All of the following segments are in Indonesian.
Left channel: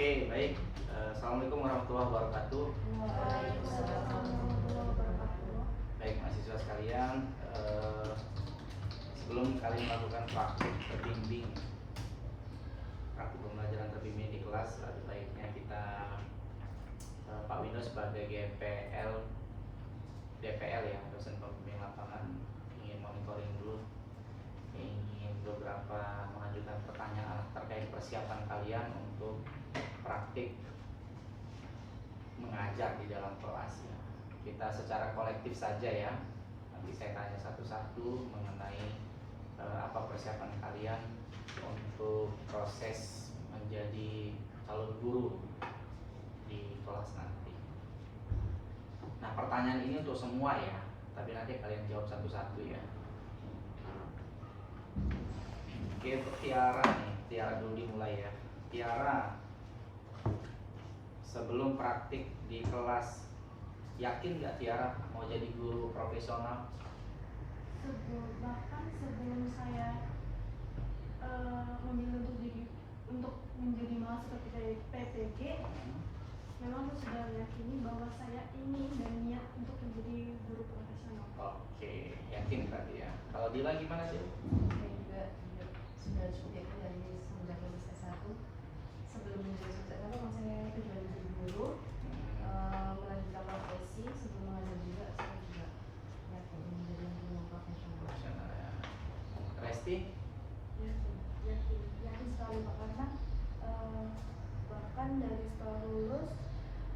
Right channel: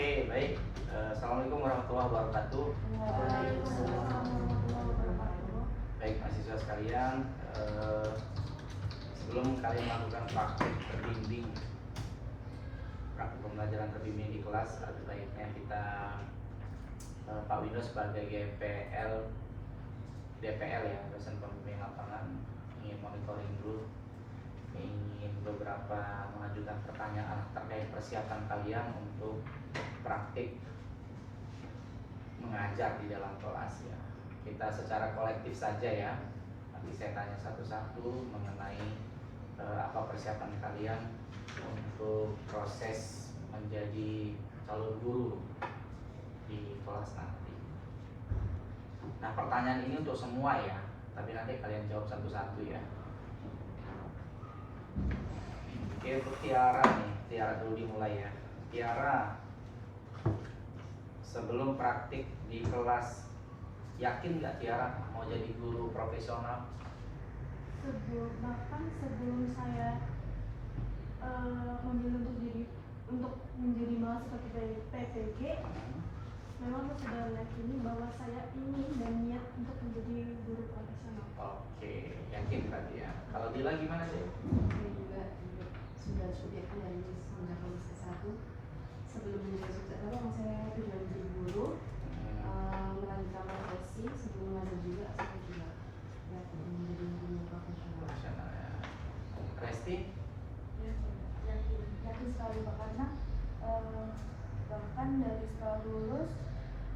Oke, baik. Assalamualaikum warahmatullahi wabarakatuh. Waalaikumsalam warahmatullahi wabarakatuh. Baik, mahasiswa sekalian, sebelum kalian melakukan praktik berbimbing, praktik pembelajaran terbimbing di kelas, ada baiknya kita Pak Windows sebagai GPL, DPL ya, dosen pembimbing lapangan, ingin monitoring dulu, ingin beberapa mengajukan pertanyaan terkait persiapan kalian untuk praktik mengajar di dalam kelas ya. Kita secara kolektif saja ya. Nanti saya tanya satu-satu mengenai apa persiapan kalian untuk proses menjadi calon guru di kelas nanti. Nah, pertanyaan ini untuk semua ya, tapi nanti kalian jawab satu-satu ya. Oke, untuk Tiara nih, Tiara dulu dimulai ya. Tiara, sebelum praktik di kelas, yakin nggak Tiara mau jadi guru profesional? Bahkan sebelum saya memilih untuk menjadi mahasiswa dari PPG, memang saya sudah yakini bahwa saya ingin dan niat untuk menjadi guru profesional. Oke, yakin berarti ya. Kalau Dila gimana sih? Saya juga sudah cukup yakin dari semenjak lulus S1. Sebelum menjadi sukses itu memang saya tujuan menjadi guru, melanjutkan profesi. Sebelum mengajar juga saya juga yakin menjadi guru profesional. Profesional ya. Resti? Ya, yakin sekali Pak, karena bahkan dari setelah lulus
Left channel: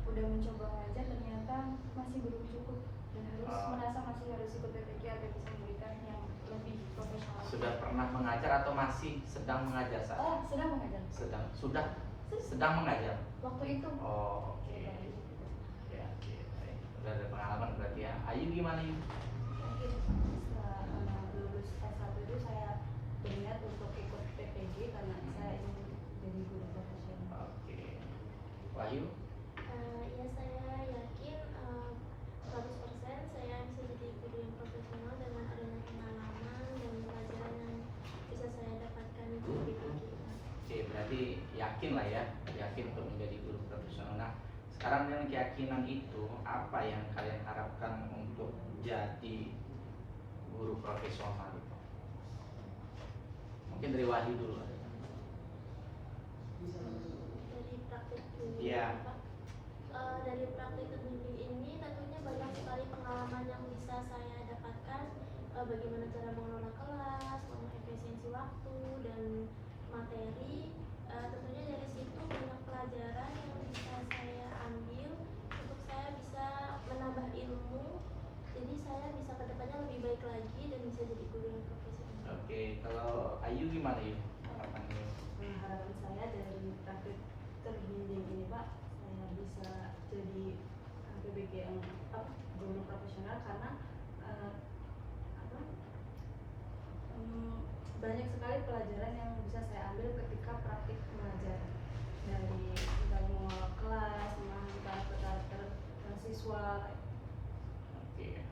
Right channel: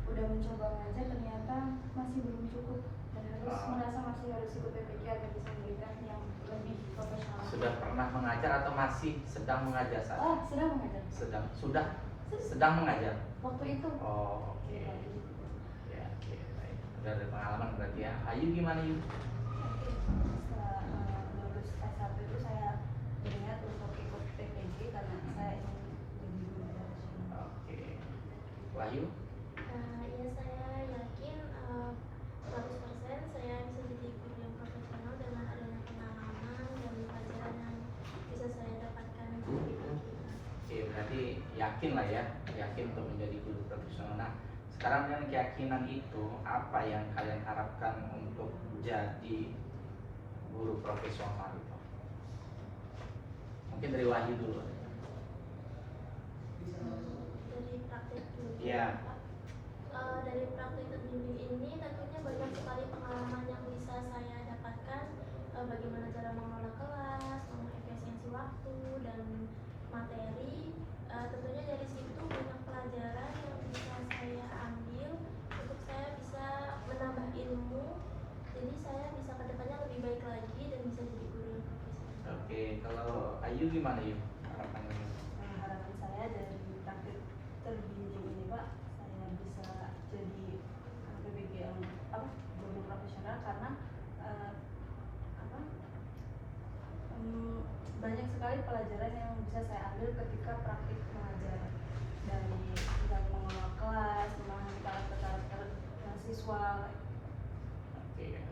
udah mencoba ngajar, ternyata masih belum cukup dan merasa masih harus ikut PPG agar bisa memberikan yang lebih profesional. Sudah pernah mengajar atau masih sedang mengajar saat? Oh, sedang mengajar. Sedang mengajar. Waktu itu. Oh, oke. Ya, oke. Baik. Udah ada pengalaman berarti ya. Ayu gimana Ayu? Setelah lulus S1 itu saya berniat untuk ikut PPG karena saya ingin jadi guru profesional. Oke. Wahyu? Ya, saya yakin 100% saya bisa jadi guru yang profesional dengan adanya pengalaman dan pelajaran yang bisa saya dapatkan di PPG. Oke, berarti yakin lah ya, yakin untuk menjadi guru profesional. Nah, sekarang dengan keyakinan itu, apa yang kalian harapkan untuk jadi guru profesional itu? Mungkin dari Wahyu dulu. Dari praktik dulu, Iya. Pak. Dari praktik terbimbing ini tentunya banyak sekali pengalaman yang bisa saya dapatkan, bagaimana cara mengelola kelas, mengefisiensi waktu dan materi. Tentunya dari situ banyak pelajaran yang bisa saya ambil untuk saya bisa menambah ilmu, jadi saya bisa kedepannya lebih baik lagi dan bisa jadi guru yang profesional. Oke, kalau Ayu gimana Ayu? Harapannya? Harapan saya dari praktik terbimbing ini Pak, saya bisa jadi PPG yang guru profesional karena banyak sekali pelajaran yang bisa saya ambil ketika praktik mengajar, dari tentang mengelola kelas, memahami karakter siswa. Oke.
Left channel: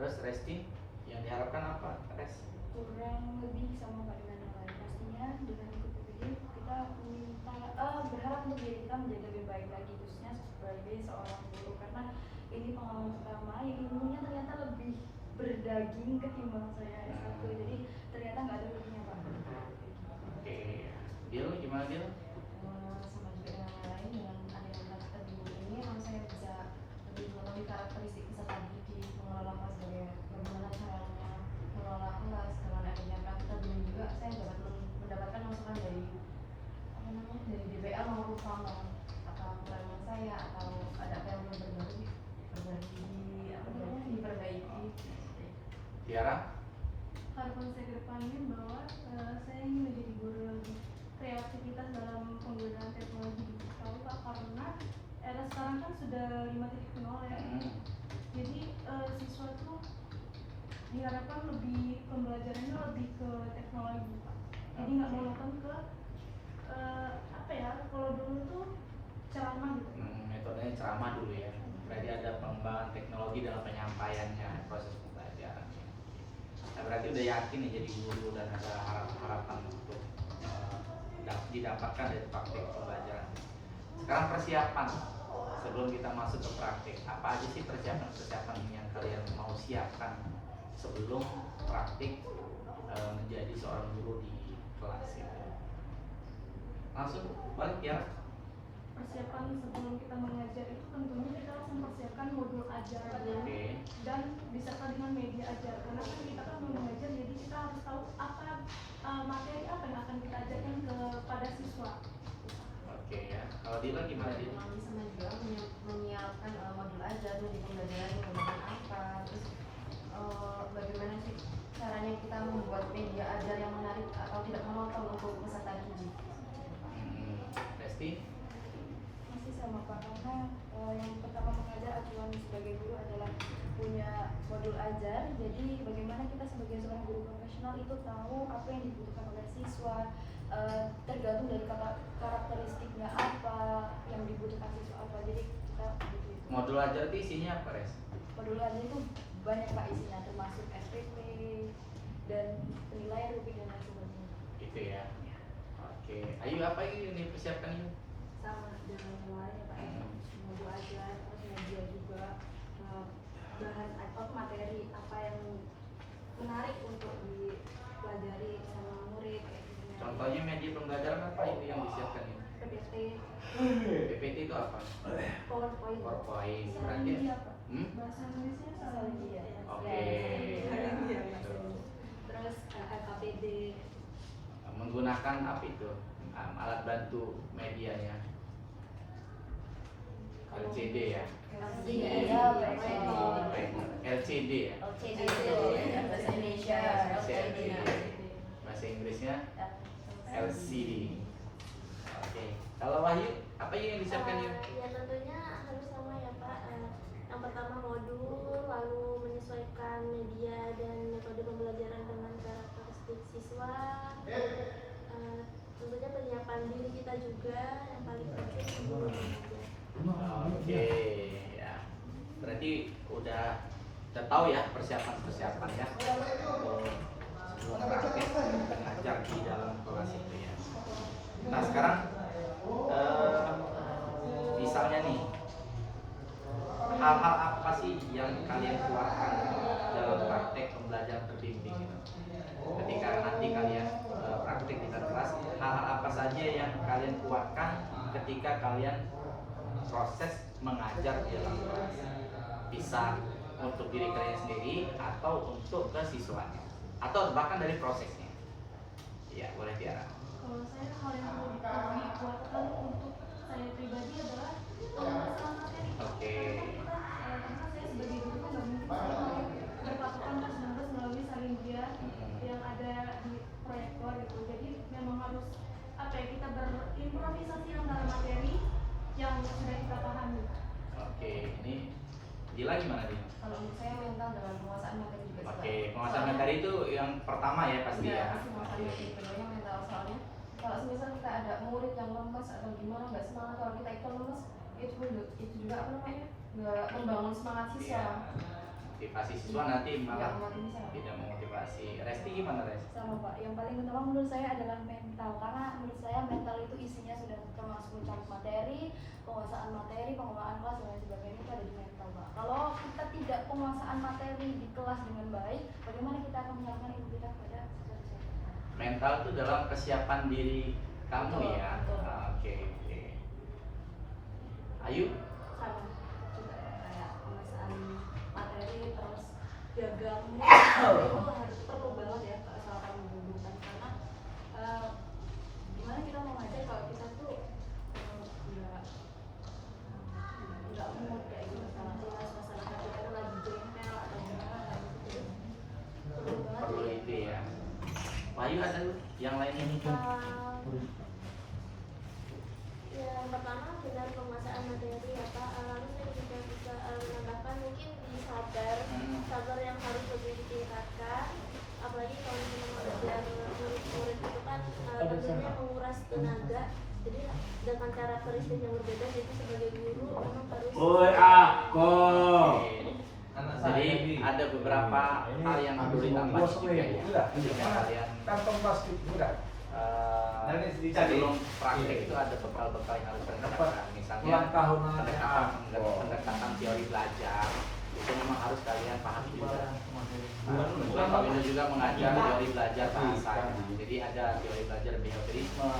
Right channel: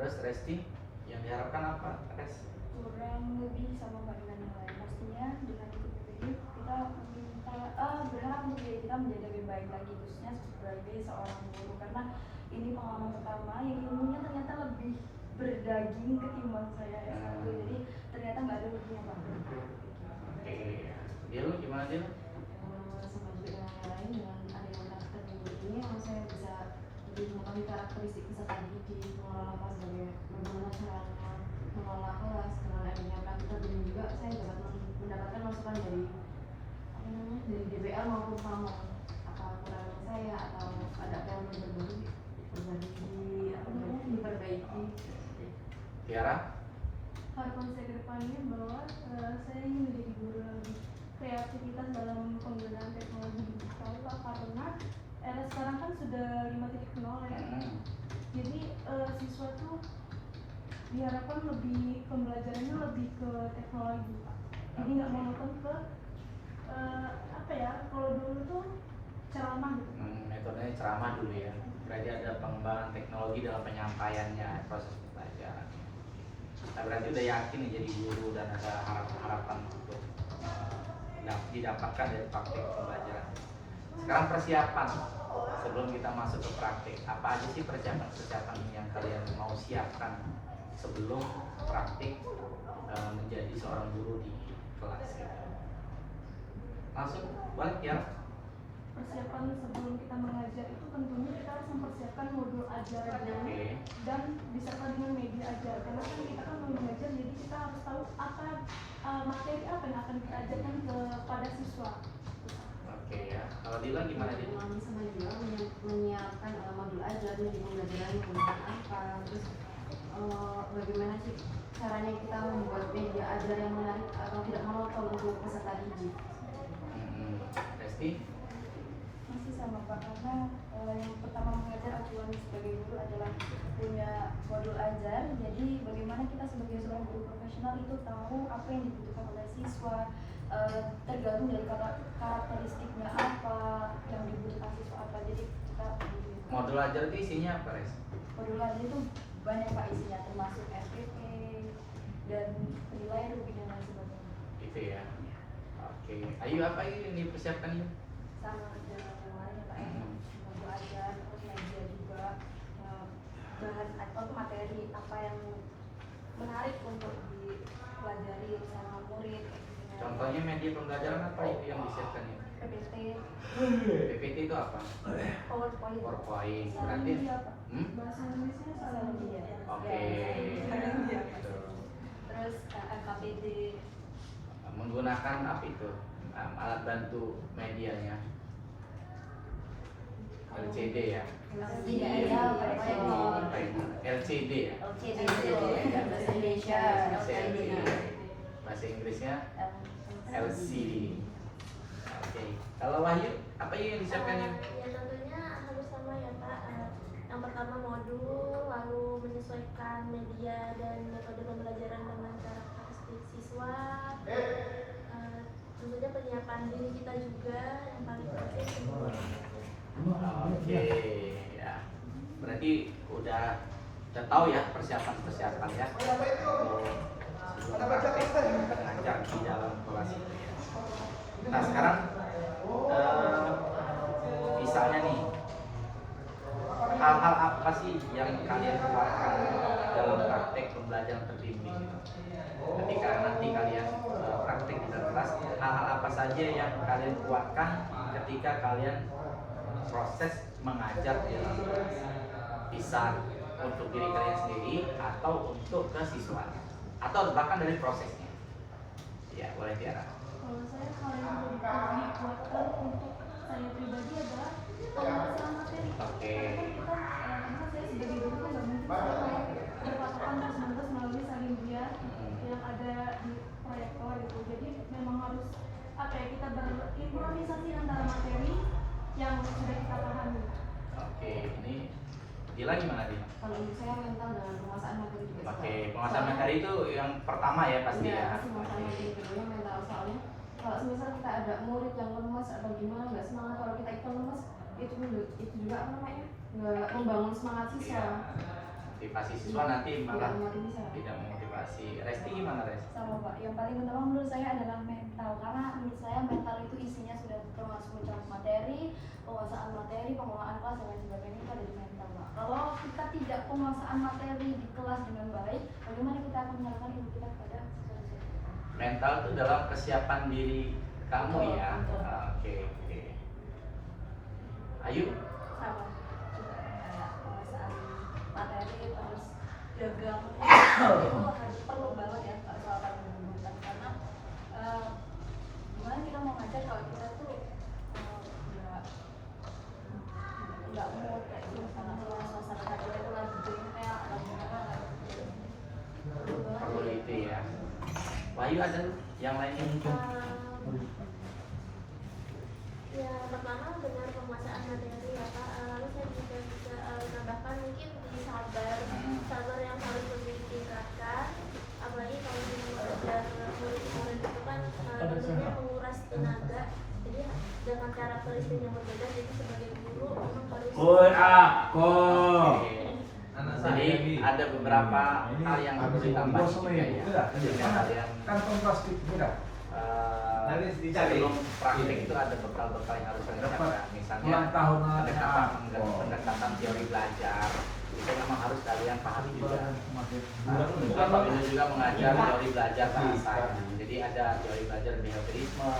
Terus Resti, yang diharapkan apa? Res? Kurang lebih sama Pak dengan yang lain. Pastinya dengan ikut PPG kita berharap untuk diri kita menjadi lebih baik lagi, khususnya sebagai seorang guru, karena ini pengalaman pertama yang ilmunya ternyata lebih berdaging ketimbang saya S1, jadi ternyata nggak ada lebihnya Pak. Oke. Dil, gimana Dil? Sama juga dengan yang lain, dengan adanya praktik terbimbing ini, saya bisa lebih mengetahui karakteristik peserta didik, mengelola kelas, bagaimana caranya mengelola kelas. Dengan adanya praktik terbimbing juga saya dapat mendapatkan masukan dari dari DPL maupun sama apa kekurangan saya atau ada problem baru diperbaiki. Tiara? Harapan saya ke depannya bahwa saya ingin menjadi guru lebih kreativitas dalam penggunaan teknologi digital Pak, karena era sekarang kan sudah 5.0 ya. Jadi siswa tuh diharapkan lebih pembelajarannya lebih ke teknologi Pak. Jadi nggak monoton ke kalau dulu tuh ceramah gitu. Metodenya ceramah dulu ya. Berarti ada pengembangan teknologi dalam penyampaiannya, proses pembelajaran. Nah, berarti udah yakin nih jadi guru dan ada harapan untuk didapatkan dari praktik pembelajaran. Sekarang persiapan sebelum kita masuk ke praktik, apa aja sih persiapan yang kalian mau siapkan sebelum praktik menjadi seorang guru di kelas ya? Langsung balik ya. Persiapan sebelum kita mengajar itu tentunya kita harus mempersiapkan modul ajar dulu Oke. dan disertai dengan media ajar, karena kan kita kan mau mengajar, jadi kita harus tahu apa materi apa yang akan kita ajarkan kepada siswa. Oke ya. Kalau Dila gimana Dila? Memang sama juga menyiapkan modul ajar di pembelajaran menggunakan apa, terus bagaimana sih caranya kita membuat media ajar yang menarik atau tidak monoton untuk peserta didik. Resti? Masih sama Pak, karena yang pertama mengajar acuan sebagai guru adalah punya modul ajar. Jadi bagaimana kita sebagai seorang guru profesional itu tahu apa yang dibutuhkan oleh siswa, tergantung dari karakteristiknya apa yang dibutuhkan siswa apa. Jadi kita Modul ajar itu isinya apa, Res? modul ajar itu banyak Pak isinya, termasuk SPP dan penilaian rupi dan lain sebagainya. Gitu ya. Oke. Ayu apa yang dipersiapkan itu? Sama dengan yang lain ya Pak, modul ajar, terus media juga, bahan atau materi apa yang menarik untuk dipelajari sama murid kayak gitu ya. Contohnya media pembelajaran apa itu yang disiapkan ini? PPT, PPT itu apa? PowerPoint. PowerPoint. Salah Berarti media apa? Hmm? Bahasa Inggrisnya salah media. Oke. Terus LKPD. Menggunakan apa itu? Alat bantu medianya. LCD ya. LCD ya. Bahasa Indonesia, LCD. Bahasa Inggrisnya LCD. Oke. Kalau Wahyu, apa yang disiapkan ya? Ya tentunya harus sama ya Pak. Yang pertama modul, lalu menyesuaikan media dan metode pembelajaran dengan karakteristik siswa. Tentunya penyiapan diri kita juga yang paling penting sebelum mengajar. Oke, ya. Berarti udah tahu ya persiapan ya untuk sebelum praktek mengajar di dalam kelas itu ya. Nah sekarang misalnya nih hal-hal apa sih yang kalian kuatkan dalam praktek pembelajaran terbimbing gitu? Ketika nanti kalian praktek di dalam kelas, hal-hal apa saja yang kalian kuatkan ketika kalian proses mengajar di dalam kelas? Bisa untuk diri kalian sendiri atau untuk ke siswanya atau bahkan dari prosesnya. Ya, boleh Tiara. Kalau saya hal yang lebih dikuatkan untuk saya pribadi adalah penguasaan materi. Oke. Karena saya sebagai guru kan nggak mungkin saya mau berpatokan terus-menerus melalui salindia yang ada di proyektor gitu. Jadi memang harus kita berimprovisasi antara materi yang sudah kita pahami. Oke, ini Dila gimana Dila? Kalau untuk saya mental dengan penguasaan materi juga. Oke, penguasaan materi itu yang pertama ya pasti ya. Pasti penguasaan materi keduanya mental, soalnya kalau misal kita ada murid yang lemas atau gimana nggak semangat, kalau kita ikut lemas itu juga apa namanya nggak membangun semangat Ya, siswa. motivasi siswa nanti malah Memotivasi. tidak memotivasi. Resti gimana Res? Sama Pak, yang paling utama menurut saya adalah mental, karena menurut saya mental itu isinya sudah termasuk mencakup materi, penguasaan materi, pengelolaan kelas dan lain sebagainya, itu ada di mental Pak. Kalau kita tidak penguasaan materi di kelas dengan baik, bagaimana kita akan menyerahkan ilmu kita kepada siswa-siswa kita? Mental itu dalam kesiapan diri kamu Betul, ya. betul, Pak. Oke. Ayu? Sama juga kayak penguasaan materi, terus diagramnya itu harus perlu banget ya Pak, soal kami bukan karena gimana kita mau ngajar kalau kita tuh nggak mood kayak gitu, karena suasana hatinya itu lagi jengkel atau gimana nggak gitu. Perlu banget Perlu itu ya. Wahyu ada yang lainnya mungkin? Yang pertama dengan penguasaan materi ya Pak, lalu saya juga bisa menambahkan mungkin di sabar yang harus lebih ditingkatkan, apalagi kalau mengajar murid-murid itu kan tentunya menguras tenaga, jadi dengan karakteristik yang berbeda, jadi sebagai guru memang harus Oke. Jadi ada beberapa hal yang perlu ditambah juga ya. Ketika kalian kantong plastik enggak? Dari dicari. sebelum praktek itu ada bekal-bekal yang harus kita siapkan. Misalnya Langkah pendekatan teori belajar itu memang harus kalian pahami juga. Bukan Kebetulan Pak Windo juga mengajar teori belajar bahasanya. Jadi ada teori belajar behaviorisme,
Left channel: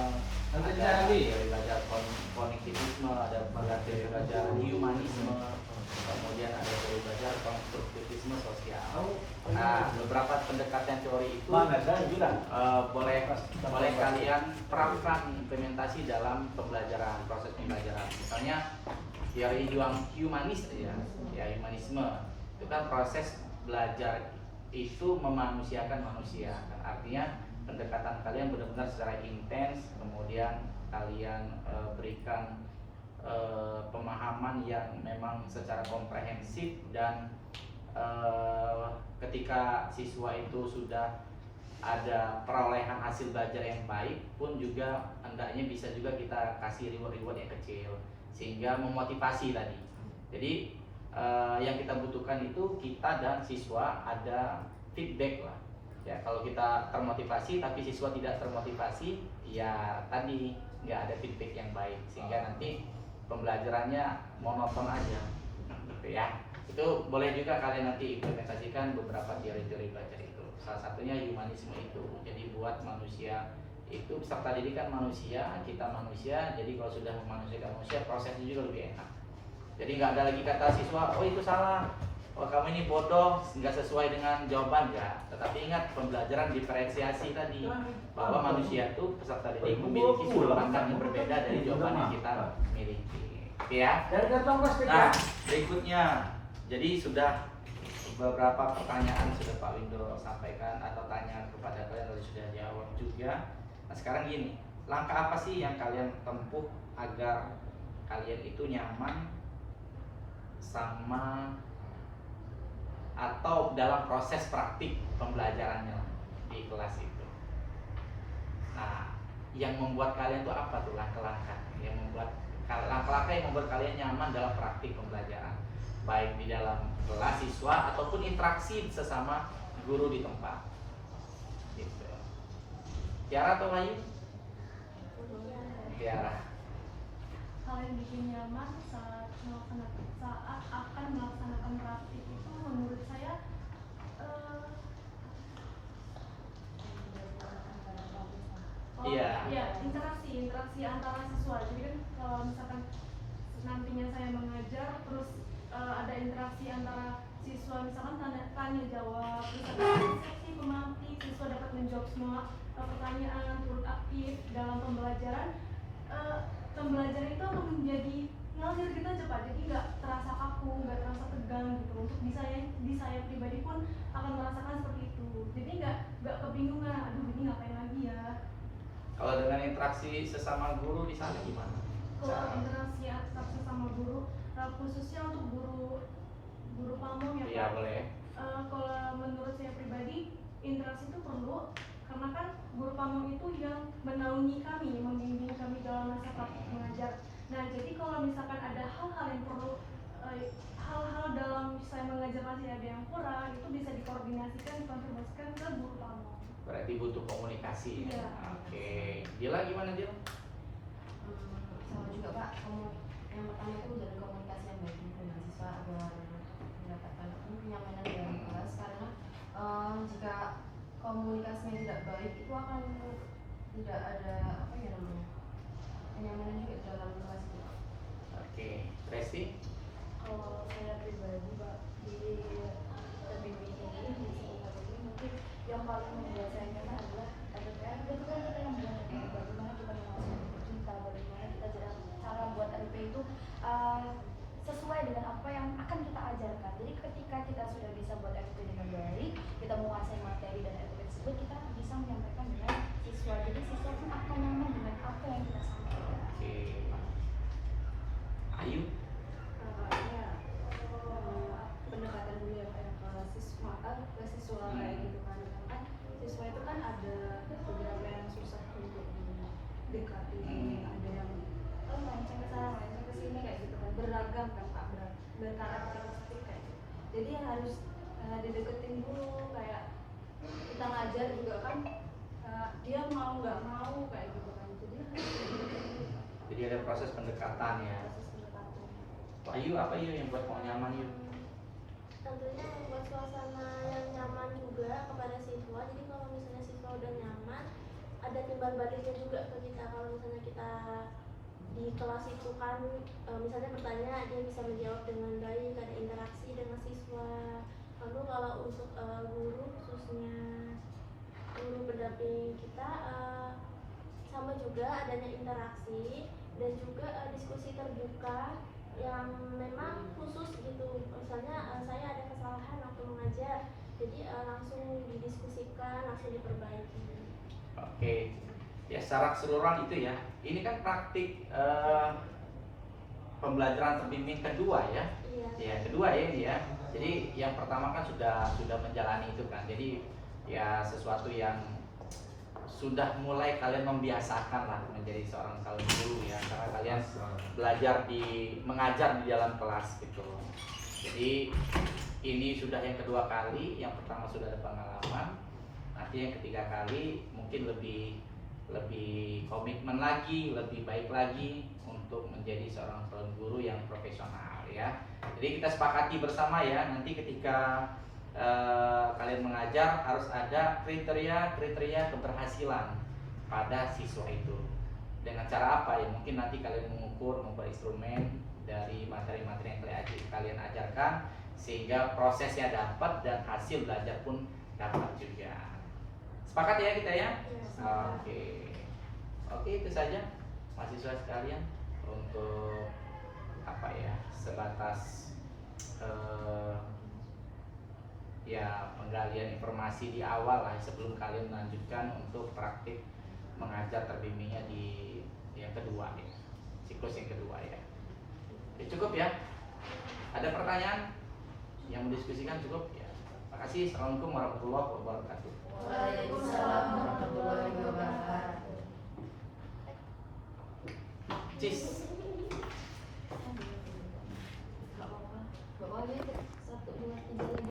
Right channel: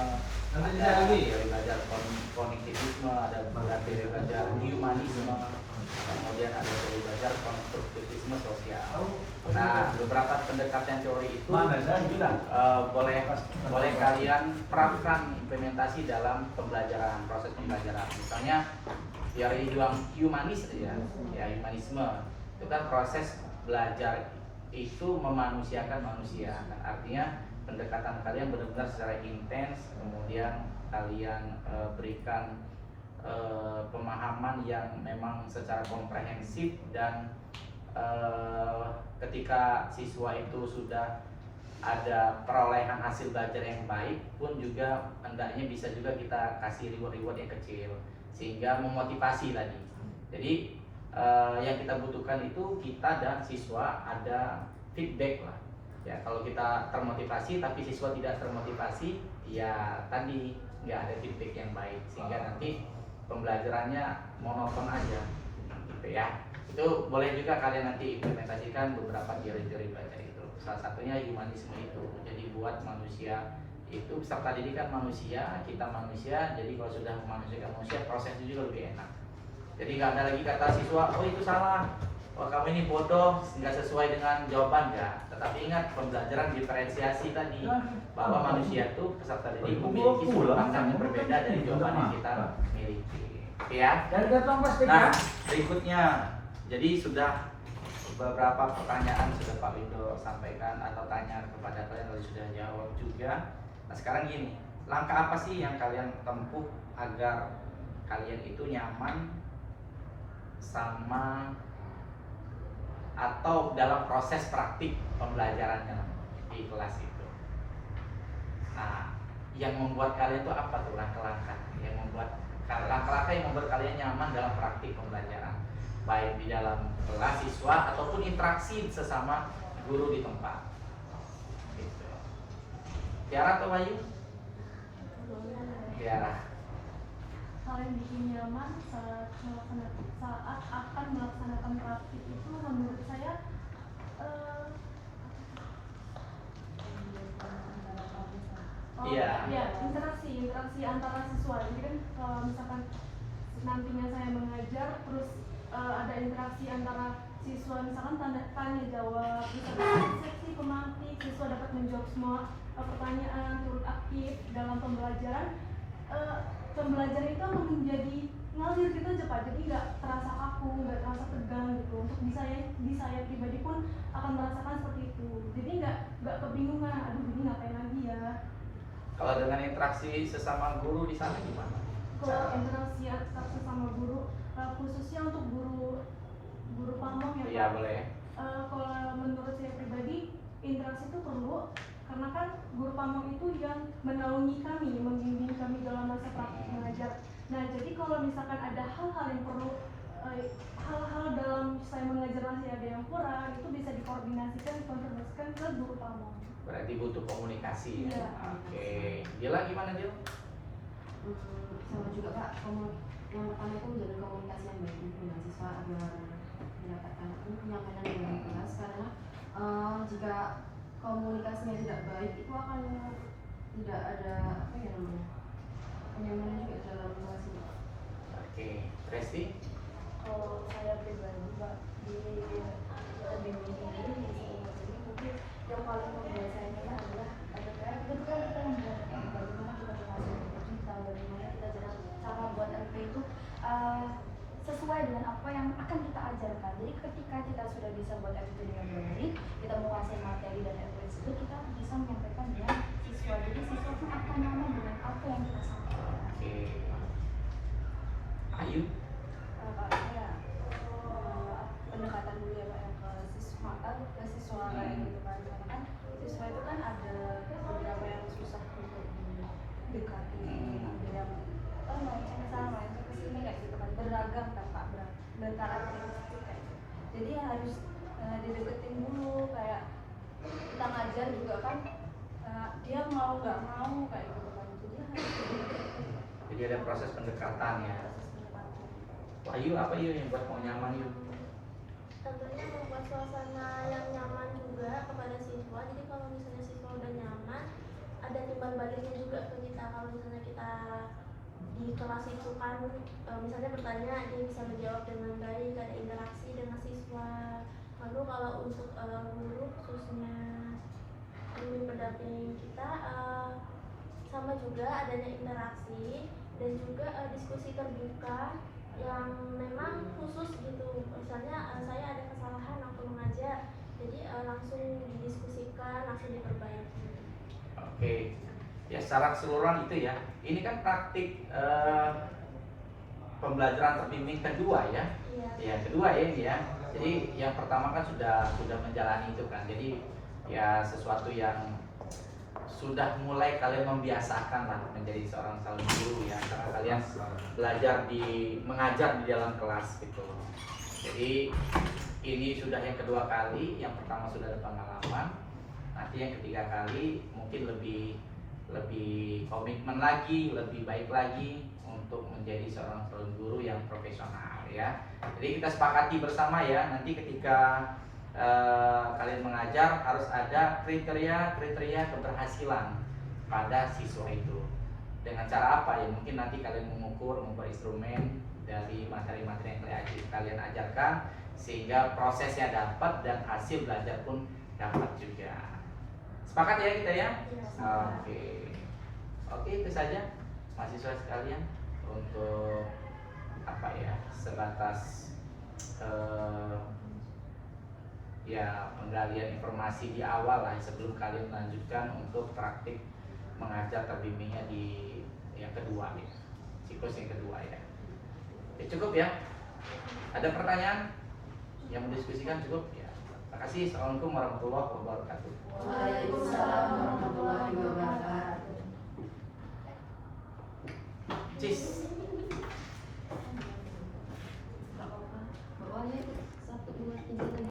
ada teori belajar kognitivisme, ada teori belajar humanisme, kemudian ada teori belajar konstruktivisme sosial. Nah, beberapa pendekatan teori itu boleh kalian terapkan implementasi dalam pembelajaran, proses pembelajaran. Misalnya teori humanis ya humanisme itu kan proses belajar itu memanusiakan manusia, kan artinya pendekatan kalian benar-benar secara intens, kemudian kalian berikan pemahaman yang memang secara komprehensif, dan ketika siswa itu sudah ada perolehan hasil belajar yang baik pun juga hendaknya bisa juga kita kasih reward yang kecil sehingga memotivasi tadi. Jadi yang kita butuhkan itu kita dan siswa ada feedback lah. Ya, kalau kita termotivasi tapi siswa tidak termotivasi, ya tadi nggak ada feedback yang baik sehingga nanti pembelajarannya monoton aja, gitu ya. Itu boleh juga kalian nanti implementasikan beberapa teori-teori belajar itu. Salah satunya humanisme itu. Jadi buat manusia itu peserta didik kan manusia, kita manusia. Jadi kalau sudah memanusiakan manusia, prosesnya juga lebih enak. Jadi nggak ada lagi kata siswa, oh itu salah, wah kamu ini bodoh, nggak sesuai dengan jawaban ya. Tetapi ingat pembelajaran diferensiasi tadi, bahwa manusia itu peserta didik memiliki sudut pandang yang berbeda dari jawaban yang kita miliki. Oke ya. Nah, berikutnya, jadi sudah beberapa pertanyaan sudah Pak Windo sampaikan atau tanya kepada kalian, lalu sudah jawab juga. Nah sekarang gini, langkah apa sih yang kalian tempuh agar kalian itu nyaman sama atau dalam proses praktik pembelajarannya lah di kelas itu. Nah, yang membuat kalian itu apa tuh langkah-langkah yang membuat kalian nyaman dalam praktik pembelajaran, baik di dalam kelas siswa ataupun interaksi sesama guru di tempat. Gitu. Tiara atau Bayu? Tiara. Hal yang bikin nyaman saat akan melaksanakan praktik itu menurut saya Iya. interaksi antara siswa. Jadi kan kalau misalkan nantinya saya mengajar terus ada interaksi antara siswa, misalkan tanya jawab, misalkan seksi pemantik, siswa dapat menjawab semua pertanyaan, turut aktif dalam pembelajaran. Pembelajaran itu akan menjadi ngalir gitu aja Pak, jadi nggak terasa kaku, nggak terasa tegang gitu. Untuk di saya pribadi pun akan merasakan seperti itu, jadi nggak kebingungan, aduh ini ngapain lagi ya. Kalau dengan interaksi sesama guru di sana gimana? Kalau interaksi sama guru, khususnya untuk guru pamong ya Pak. Iya boleh. Kalau menurut saya pribadi interaksi itu perlu, karena kan guru pamong itu yang menaungi kami, membimbing kami dalam masa praktik mengajar. Nah jadi kalau misalkan ada hal-hal yang perlu, hal-hal dalam saya mengajar masih ada yang kurang, itu bisa dikonfirmasikan ke guru pamong. Berarti butuh komunikasi ya. Iya. Oke. Gila gimana Gil? Sama juga Pak, yang pertama itu menjalin komunikasi yang baik dengan siswa agar mendapatkan kenyamanan dalam kelas, karena jika komunikasinya tidak baik itu akan tidak ada kenyamanan juga dalam kelas itu Pak. Oke. Resti? Kalau saya pribadi Pak, di bimbing ini mungkin yang paling membuat saya nyaman adalah LPPR. Itu kan kita membuat bagaimana kita menghasilkan kita, bagaimana kita cara buat LP itu sesuai dengan apa yang akan kita ajarkan. Jadi ketika kita sudah bisa buat LP dengan baik, kita menguasai materi dan LP tersebut, kita bisa menyampaikan dengan siswa. Jadi siswa pun akan nyaman dengan apa yang kita sampaikan. Oke. Ayu? Pendekatan dulu ya Pak, yang ke siswa kayak gitu kan, karena kan siswa itu kan ada beberapa yang susah untuk didekati, ada yang melenceng ke sana, melenceng ke sini kayak gitu kan, beragam kan Pak, berkarakteristik kayak gitu. Jadi harus dideketin dulu, kayak kita ngajar juga kan, dia mau nggak mau kayak gitu kan, Jadi ada proses pendekatan ya. proses pendekatan. Wah, Ayu, apa Ayu yang buat mau nyaman Ayu? Tentunya membuat suasana yang nyaman juga kepada siswa. Jadi kalau misalnya siswa udah nyaman, ada timbal baliknya juga ke kita. Kalau misalnya kita di kelas itu kan misalnya bertanya, dia bisa menjawab dengan baik, ada interaksi dengan siswa. Lalu kalau untuk guru, khususnya guru pendamping kita, sama juga adanya interaksi dan juga diskusi terbuka yang memang khusus gitu. Misalnya saya ada kesalahan waktu mengajar, jadi langsung didiskusikan, langsung diperbaiki. Oke, ya secara keseluruhan itu ya. Ini kan praktik pembelajaran terbimbing kedua ya. Iya. Ya kedua ya ini ya. Jadi yang pertama kan sudah menjalani itu kan. Jadi ya sesuatu yang sudah mulai kalian membiasakan lah menjadi seorang calon guru ya, karena kalian belajar mengajar di dalam kelas gitu. Jadi ini sudah yang kedua kali, yang pertama sudah ada pengalaman, nanti yang ketiga kali mungkin lebih komitmen lagi, lebih baik lagi untuk menjadi seorang calon guru yang profesional ya. Jadi kita sepakati bersama ya, nanti ketika kalian mengajar harus ada kriteria keberhasilan pada siswa itu. Dengan cara apa ya? Mungkin nanti kalian mengukur instrumen dari materi-materi yang kalian ajarkan, sehingga prosesnya dapat dan hasil belajar pun dapat juga. Sepakat ya kita ya? Oke, itu saja mahasiswa sekalian untuk apa ya, sebatas ya penggalian informasi di awal lah sebelum kalian melanjutkan untuk praktik mengajar terbimbingnya di yang kedua ya, siklus yang kedua ya. Cukup ya? Ada pertanyaan yang mendiskusikan cukup ya? Terima kasih. Assalamualaikum warahmatullahi wabarakatuh. Waalaikumsalam warahmatullahi wabarakatuh. Cis.